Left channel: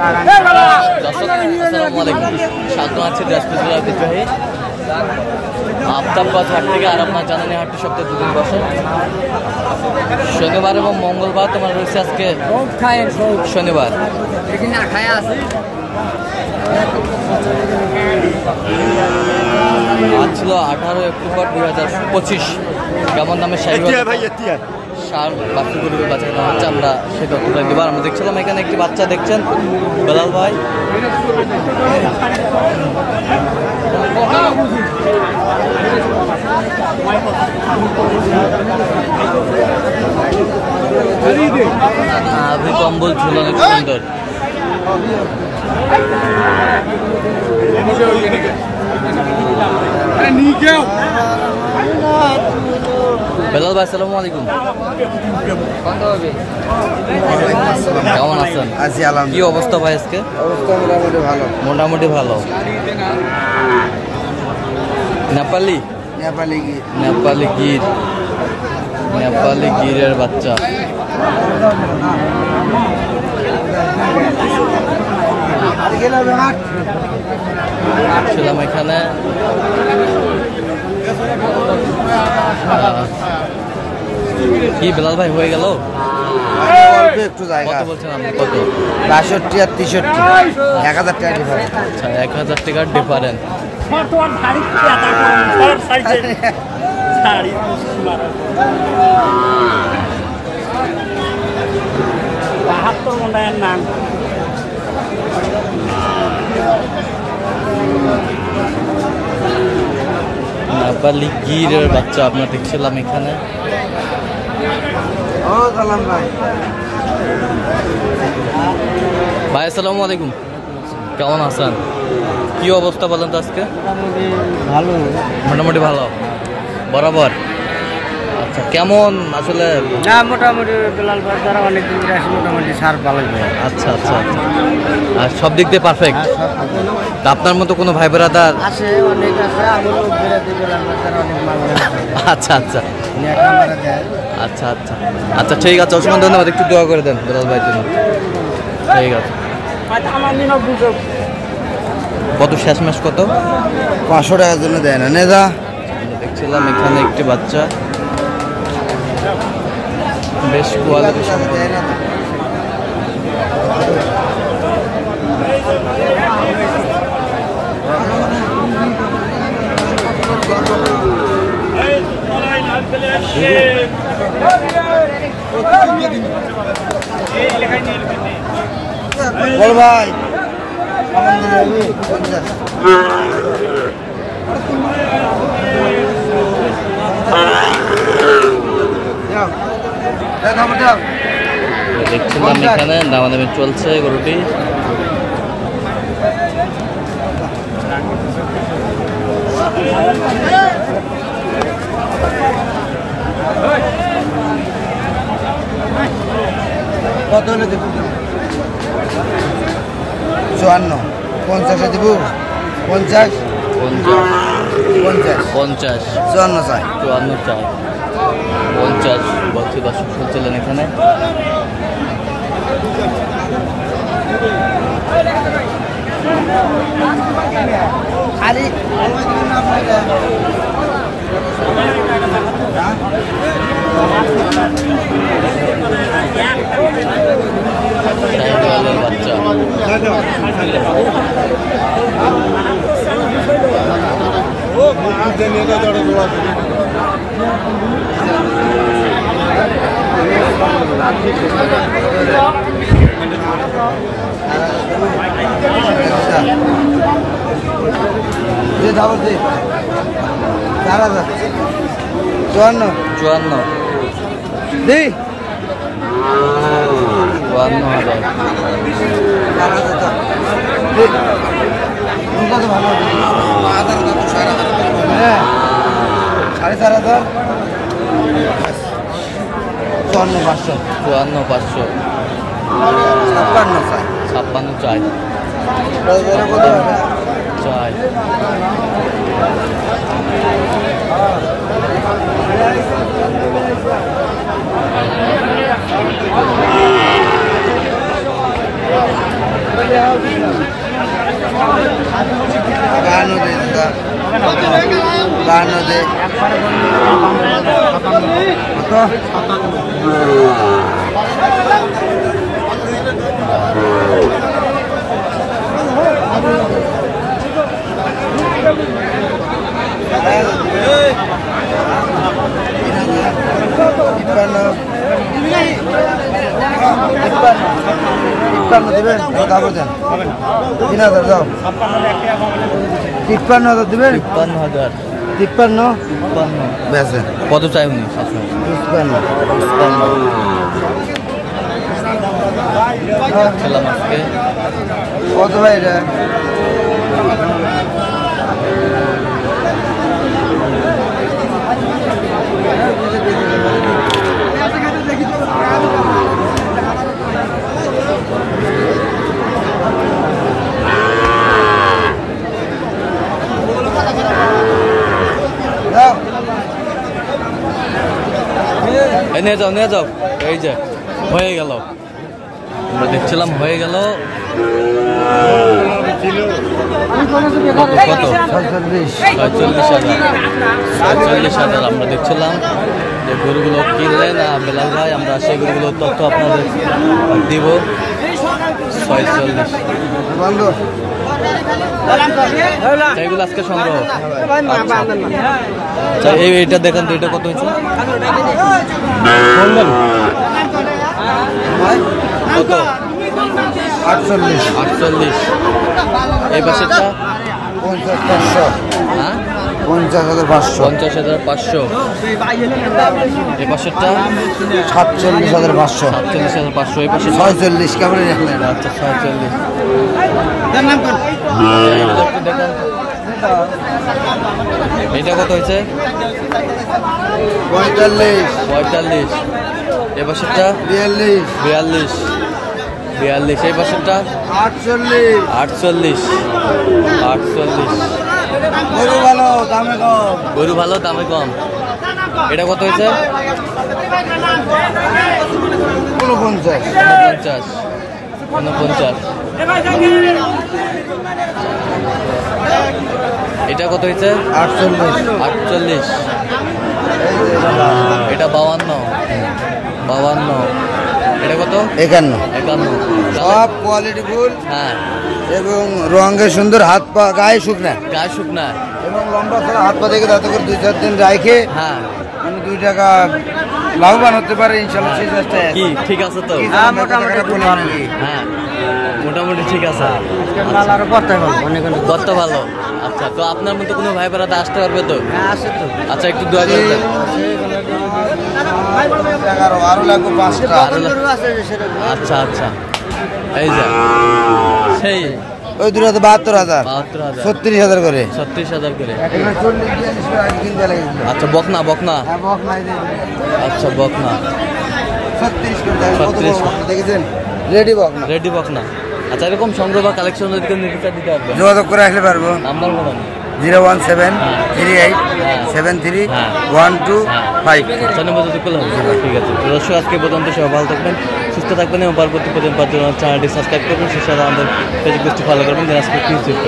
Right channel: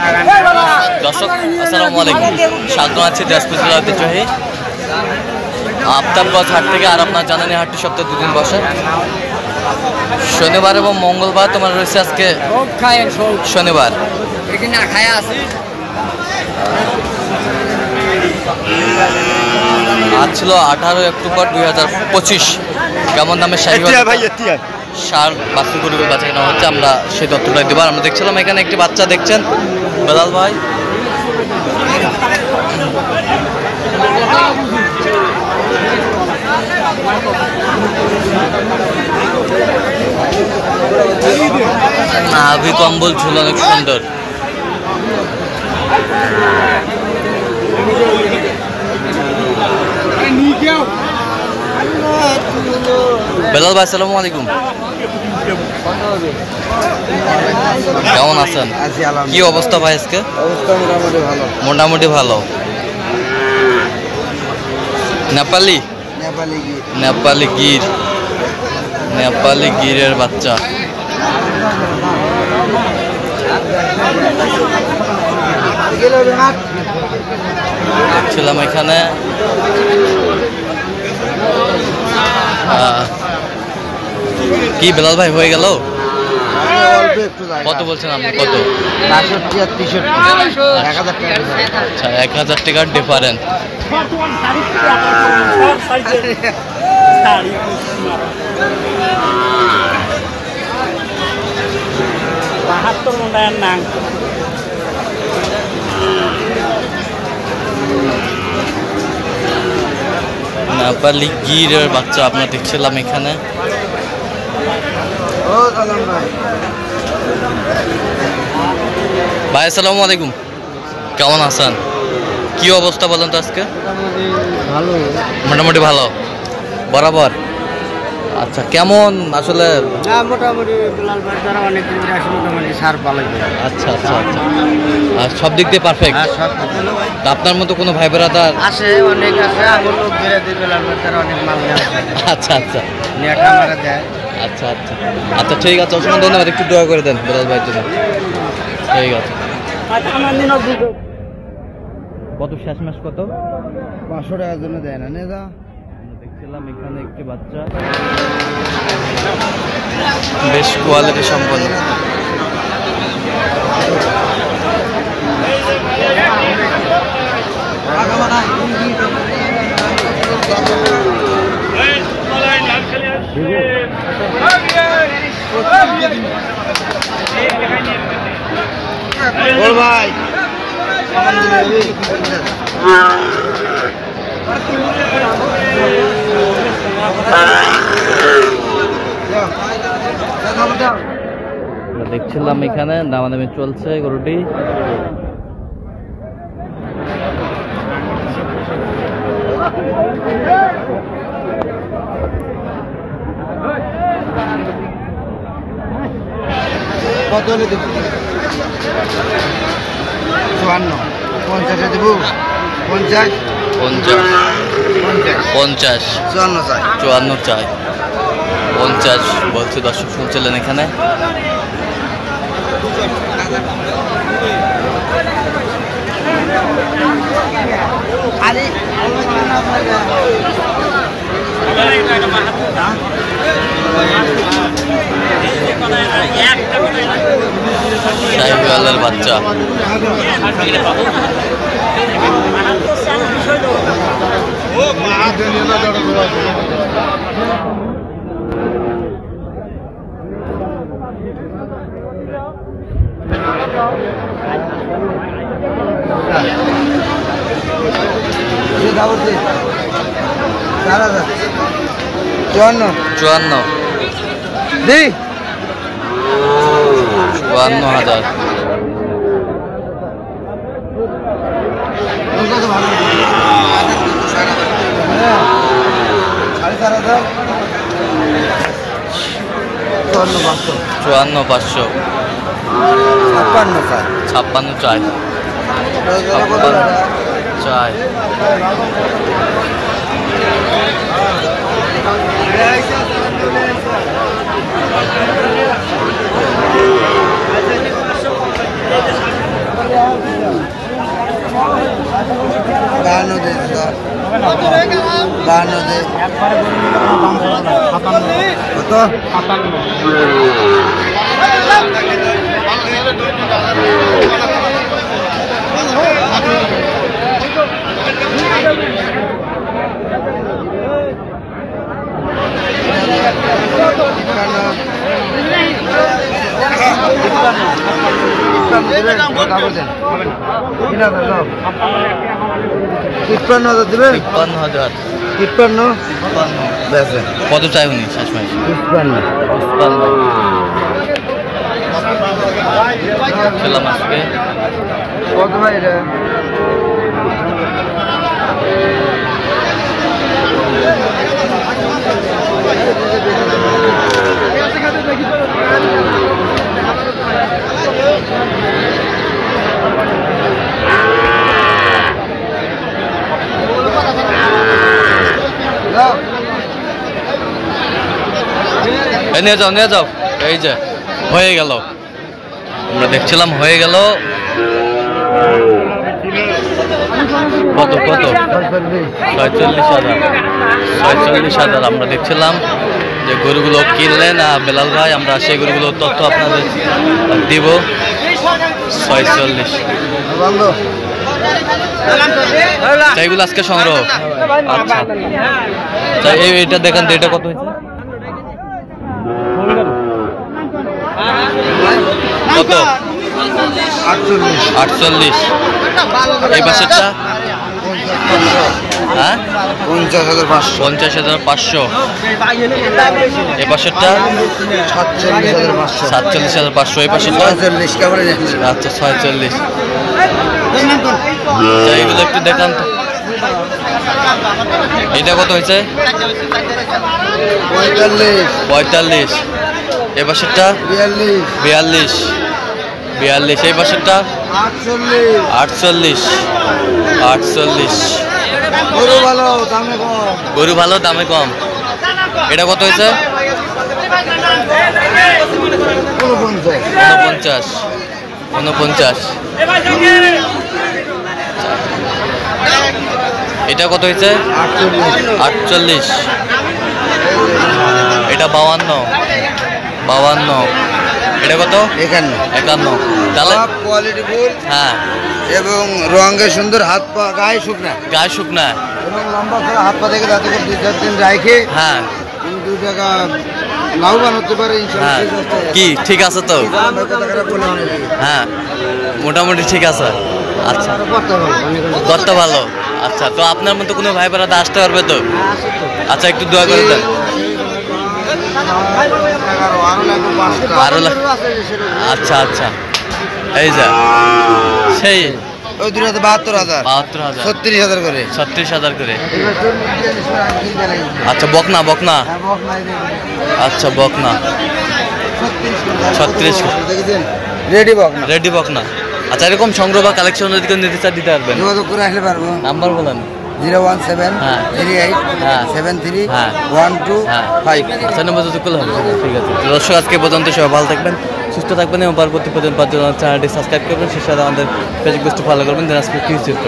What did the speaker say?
দর্শক আসসালামু আলাইকুম, স্বাগত আছে দিনাজপুর জেলার ঐতিহ্যবাহী আফতাবগঞ্জ হাট থেকে। আর আপনার জানেন এই হাটটি সপ্তাহে দুদিন বসে, শনিবার এবং মঙ্গলবার। তোমার রয়েছে আজকে শনিবার। আজ ছিল 18 অক্টোবর 2025। কেমন দামে শাহীওয়াল সার বাছুর গরুকে বাচ্চা কেনা হচ্ছে, আমরা সেই তথ্যটাই দেবো। আমরা দেখছিলাম এখানে একটি বাচ্চা দেখছেন বেলাল ভাই। নাভি কম্বল ঝুল অনেক সুন্দর। বেলাল ভাই আসসালামু আলাইকুম, কেমন আছেন? কি অবস্থা ভাই আজকে? মোটামুটি ভালো। নেপালি নেপালি গির, নেপালি গিরের বাচ্চা। ছিলাম এখানে কি বেলাল ভাই হয়ে গেল? কত বলছেন আপনি? কত? 62 আর 63, 1000 টাকা। আচ্ছা, 1000 টাকার ডিফারেন্স। নেপালি গিরের বাচ্চা আপনার দেখছিলাম এখানে। ভাই আসসালামু আলাইকুম, কেমন আছেন? কি অবস্থা বলেন তো আজকে? ভালো, মোটামুটি ভালো বরাবর। আচ্ছা, কেমন আসলে? মোটামুটি বেলাল ভাই দ্বারা অনেক দিন আসে, মোটামুটি সার ভালো। আচ্ছা আচ্ছা আচ্ছা, আর সব দিক দিয়ে পারফেক্ট। আপনার মতো কোনো ভাই ব্রাদার আছে? অনেক আছে, আমার লোক বেড়ে দিয়ে বেলাল ভাই দ্বারা অনেক মাল নেওয়া। আচ্ছা আচ্ছা আমার দেয়। আচ্ছা আচ্ছা আচ্ছা, ঠিক আছে, অসংখ্য ধন্যবাদ। একটু দোয়া করে দেন বেলাল ভাইয়ের জন্য। ঠিক আছে। কত শেষমেশ কত? 500 টাকার জন্য দেয় না নেদা। দেখছিলাম এখানে একটি বাচ্চা বেশ কোয়ালিটি সম্পন্ন। বল ভাই, দেখছিলাম এখানে দামাদামি চলছে গরুটি। কত হলে দেবো? 54, 50 দেবো। 50, 50, 50, 54 চাই। 54 চাই। 50 বলছে। দর্শক শুনছিলেন এখানে। শাহীওয়ালের বাচ্চা। চুয়ান্ন 54,000। কত ভালো? 4,500। 54,500। 54,500। 56 চাই। 56 চাই। কত চাই উনি শেষ মাস? ছিলাম আজকে নিয়ে যাও এই যে হয়ে গেল, আমরা দেখছিলাম হয়ে গেল। কত কত 46,000 আমরা দেখছিলাম যে গরুগুলো কিনলেন বেলাল ভাই, আমরা সেই গরুগুলোর তথ্য আপনাদের দিব। 46 এইগুলো আজকে সংগ্রহ। আচ্ছা এইটা দেখেন তো, এটা কত হয়েছে? কত? 48। এই পাশেরটা? হ্যাঁ 50,500। এই পাশেরটা? 47,500। এই পাশেরটা? আচ্ছা 46। এইগুলো একটু দেখান তো, এটা কত হয়েছে? 45। এ পাশেরটা? 42। এই পাশেরটা? 48। গরু ভালো দামে কম। এটা কত হয়েছে? 49। এটা কত হয়েছে? 48। এটা 52। এটা কত? 51। তাহলে কোয়ালিটি ফুল, হ্যাঁ, এবং রঙে সুন্দর, হাত পা গায়ে শুকনা এবং লম্বা ছাড়া হাত পা থেকে তাতে করে 2-4 দিন রাখে। হ্যাঁ 2 টাকা লাভবান হতে পারে হ্যাঁ। কি ঠিক আছে তো? হ্যাঁ মোটামুটি ঠিক আছে। আচ্ছা কত ভালো। আচ্ছা তো আপনার মতো কোনো ভাই বেড়াতে আসতে পারবে তো? আচ্ছা একটু দোয়া করে দেন। আচ্ছা এই যা সেই ওই 72,000 36,000 করে 36,000 করে। আচ্ছা বকনা আচ্ছা বকনা 36 দেখেছেন, রেডি বকনা। আচ্ছা এরকম সংগ্রহ বা কালেকশন যদি কেউ নিতে চান দিতে পারবেন? যোগাযোগ করে আসলে পারবো। নাম্বার বলেন। 01738731255। আচ্ছা নম্বর যোগাযোগ করলে হবে। ঠিক আছে দর্শক, আজকে পর্যন্ত সবাই ভালো থাকবেন, সুস্থ থাকবেন এবং পরবর্তী পর্যন্ত চ্যানেলটি সাবস্ক্রাইব করবেন, সেই সাথে আমাদের ফেসবুক পেজটি ফলো করবেন। দিনাজপুর কৃষি চিত্র।